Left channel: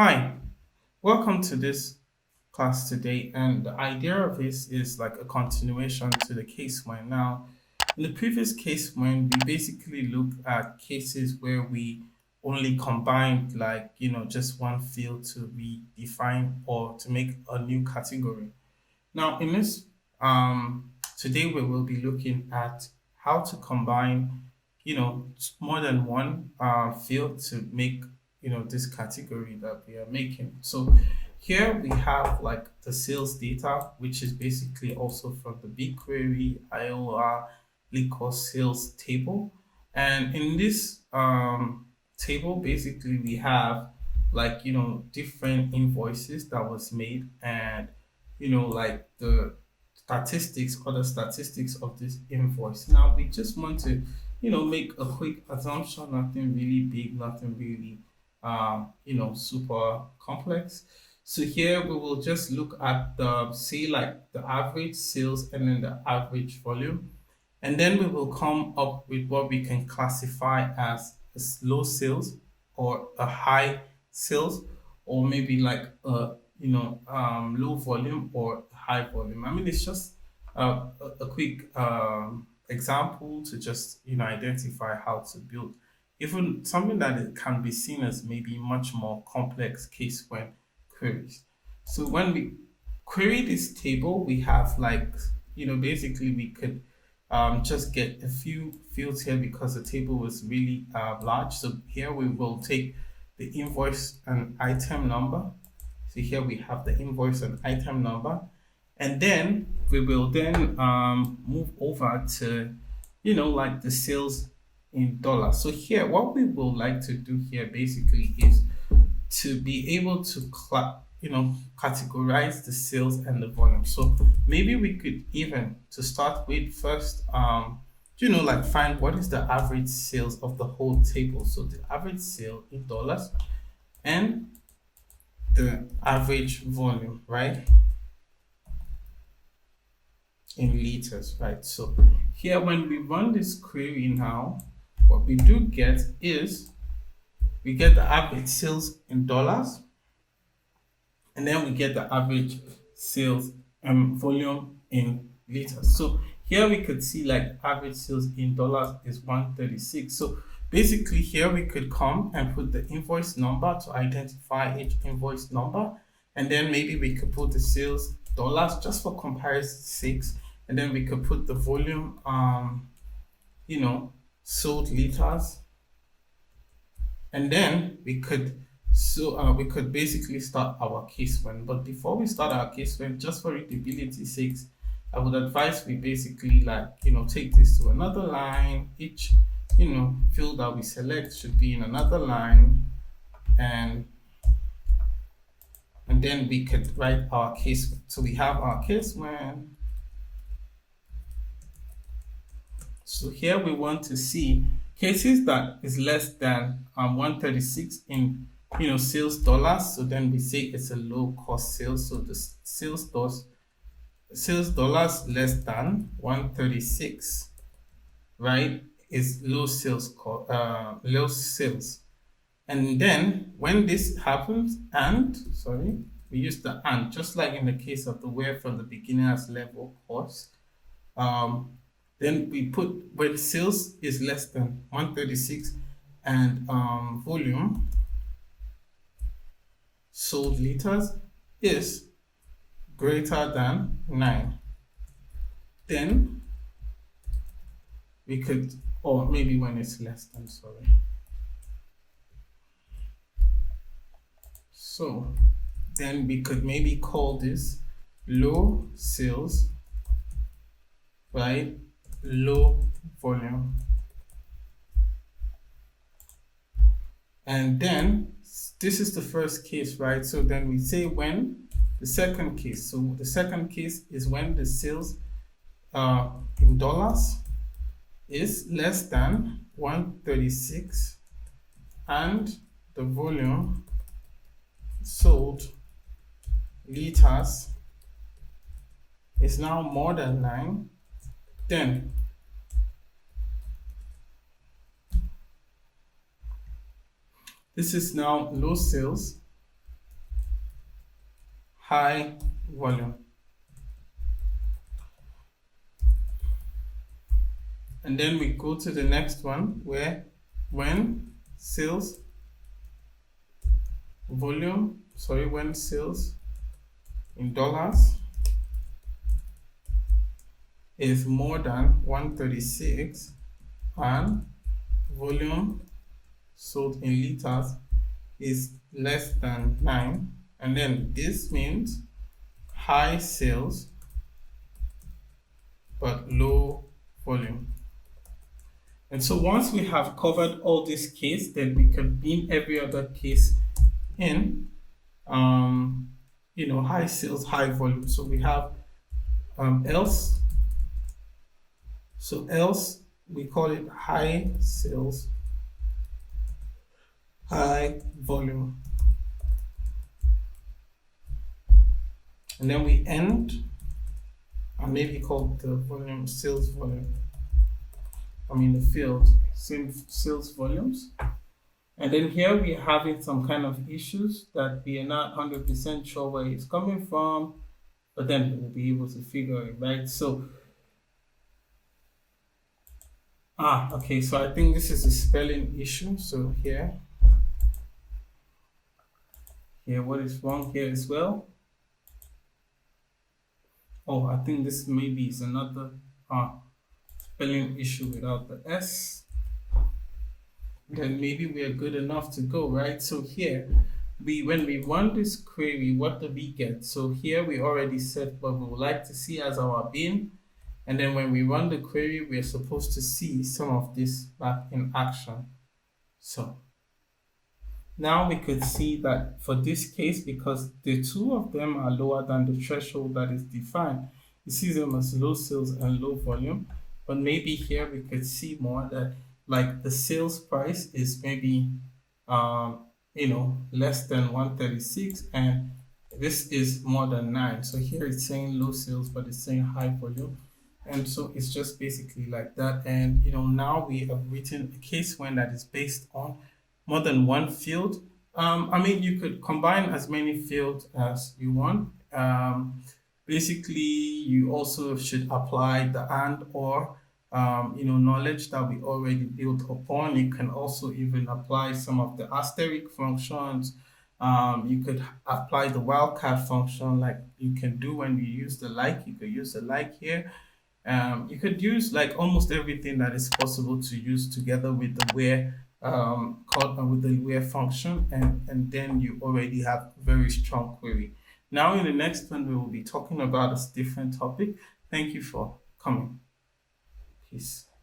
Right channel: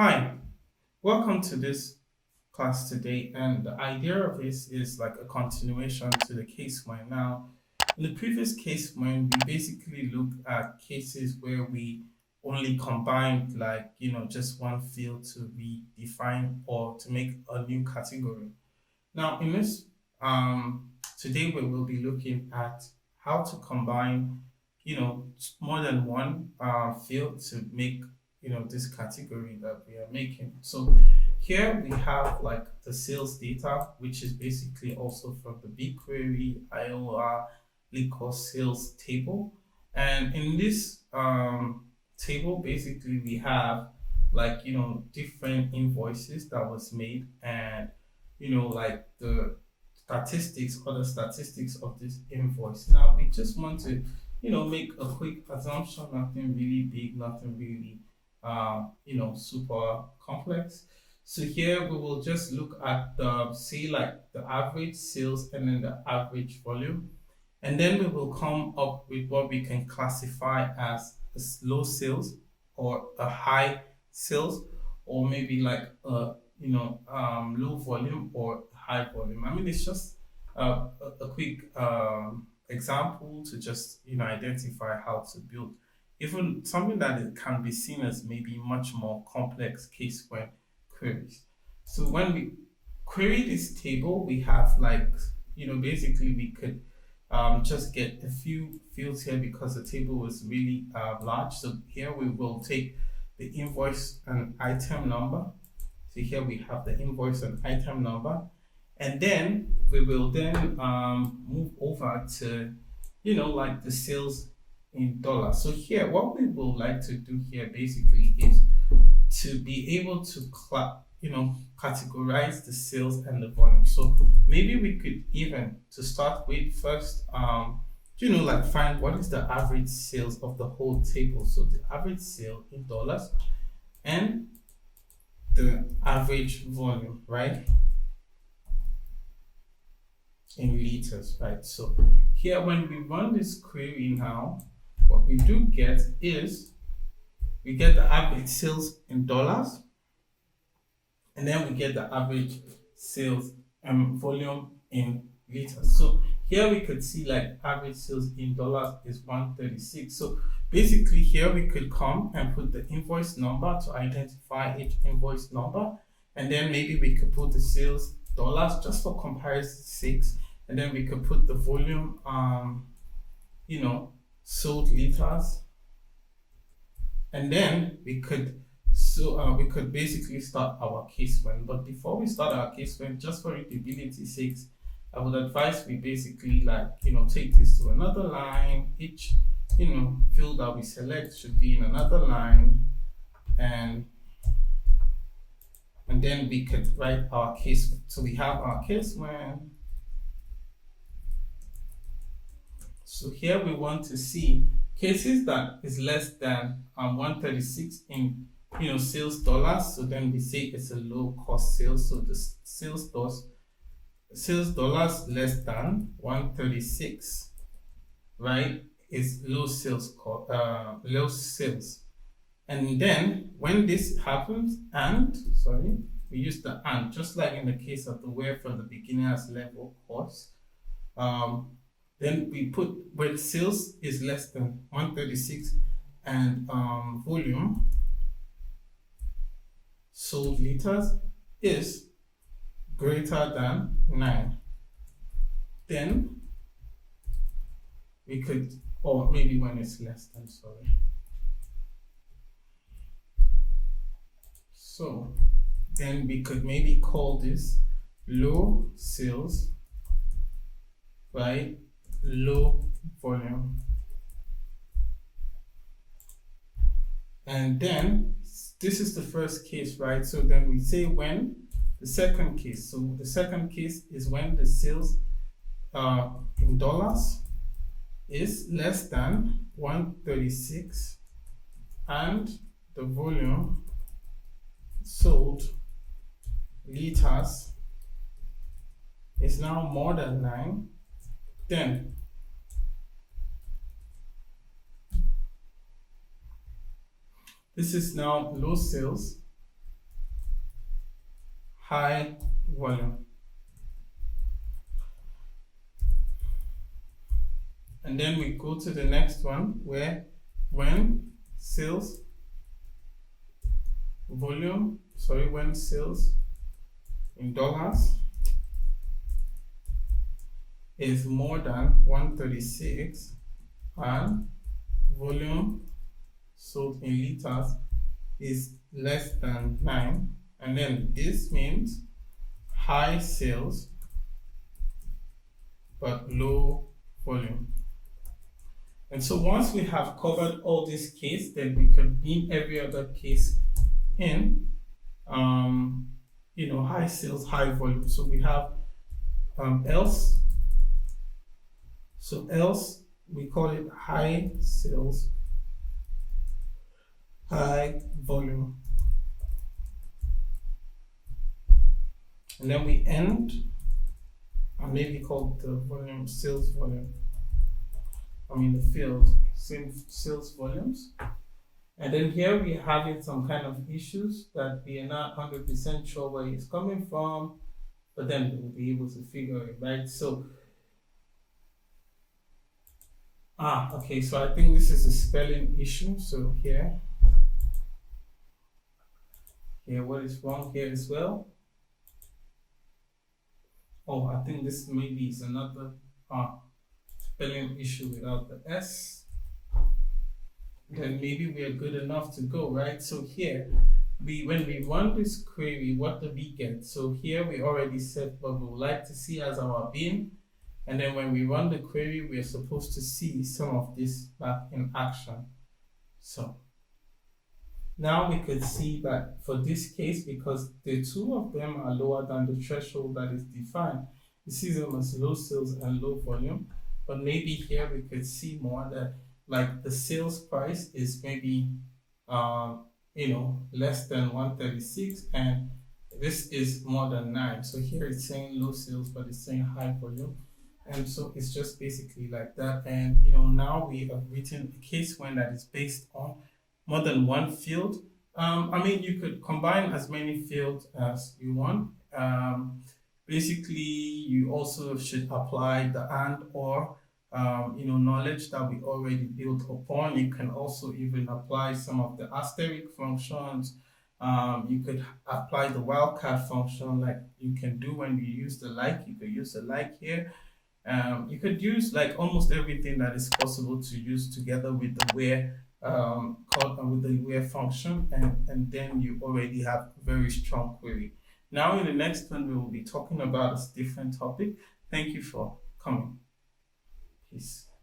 Hi, welcome to this class today. And the idea of this is like a continuation to the case when. Now, in the previous case when, we basically looked at cases where we only combined just one field to redefine or to make a new category. Now, in this today we will be looking at how to combine, more than one field to make, this category that we are making. So here we have like the sales data, which is basically also from the Bigquery IOR liquor sales table. And in this table, basically we have different invoices that was made and like the statistics or the statistics of this invoice. Now we just want to, make a quick assumption, nothing really big, nothing really, super complex. So here we will just look at the, say like the average sales and then the average volume. And then we will come up with what we can classify as a low sales or a high sales or maybe like a low volume or high volume. I mean, it's just a quick example to just identify how to build even something that it can be seen as maybe much more complex case when queries. So when we query this table, we have like basically we could just get a few fields here because the table was really large. So here we will take the invoice and item number. So here we have the invoice and item number. And then we will then move over to, like the sales in dollars. So here, what we would like to do here basically is to be able to categorize the sales and the volume. So maybe we could even to start with first like find what is the average sales of the whole table. So the average sale in dollars and the average volume, right, in liters, right? So here when we run this query now, what we do get is we get the average sales in dollars and then we get the average sales volume in liters. So here we could see like average sales in dollars is 136. So basically here we could come and put the invoice number to identify each invoice number, and then maybe we could put the sales dollars just for comparison sake, and then we could put the volume sold liters, and then we could basically start our case when. But before we start our case when, just for readability sakes, I would advise we basically take this to another line. Each field that we select should be in another line, and then we could write our case. So we have our case when. So here we want to see cases that is less than 136 in sales dollars. So then we say it's a low cost sales. So the sales dollars less than 136, right, is low sales. And then when this happens, and sorry, we use the and just like in the case of the where from the beginners level course. Then we put where the sales is less than 136 and volume sold liters is greater than 9. Then we could, or maybe when it's less than, sorry. So then we could maybe call this low sales, right? Low volume. And then this is the first case, right? So then we say when the second case. So the second case is when the sales in dollars is less than 136 and the volume sold liters is now more than 9. Then this is now low sales high volume. And then we go to the next one where when sales when sales in dollars is more than 136 and volume sold in liters is less than 9, and then this means high sales but low volume. And so once we have covered all this case, then we can beam every other case in, high sales, high volume. So we have else. So else we call it high sales, high volume. And then we end and maybe call the volume sales volume. The field, same sales volumes. And then here we're having some kind of issues that we are not 100% sure where it's coming from, but then we'll be able to figure it, right? So, okay, so I think this is a spelling issue. So here, what is wrong here as well? Oh, I think this maybe is another spelling issue without the S. Then maybe we are good enough to go, right? So here, when we run this query, what do we get? So here we already set what we would like to see as our bin. And then when we run the query, we're supposed to see some of this back in action. So now we could see that for this case, because the two of them are lower than the threshold that is defined, you see them as low sales and low volume. But maybe here we could see more that like the sales price is maybe less than 136 and this is more than 9. So here it's saying low sales, but it's saying high volume. And so it's just basically like that. And now we have written a case when that is based on more than one field. You could combine as many fields as you want. Basically, you also should apply the and or knowledge that we already built upon. You can also even apply some of the asterisk functions. You could apply the wildcard function like you can do when you use the like. You could use the like here. You could use like almost everything that is possible to use together with the where with the where function, and then you already have a very strong query. Now in the next one we will be talking about a different topic. Thank you for coming. Peace.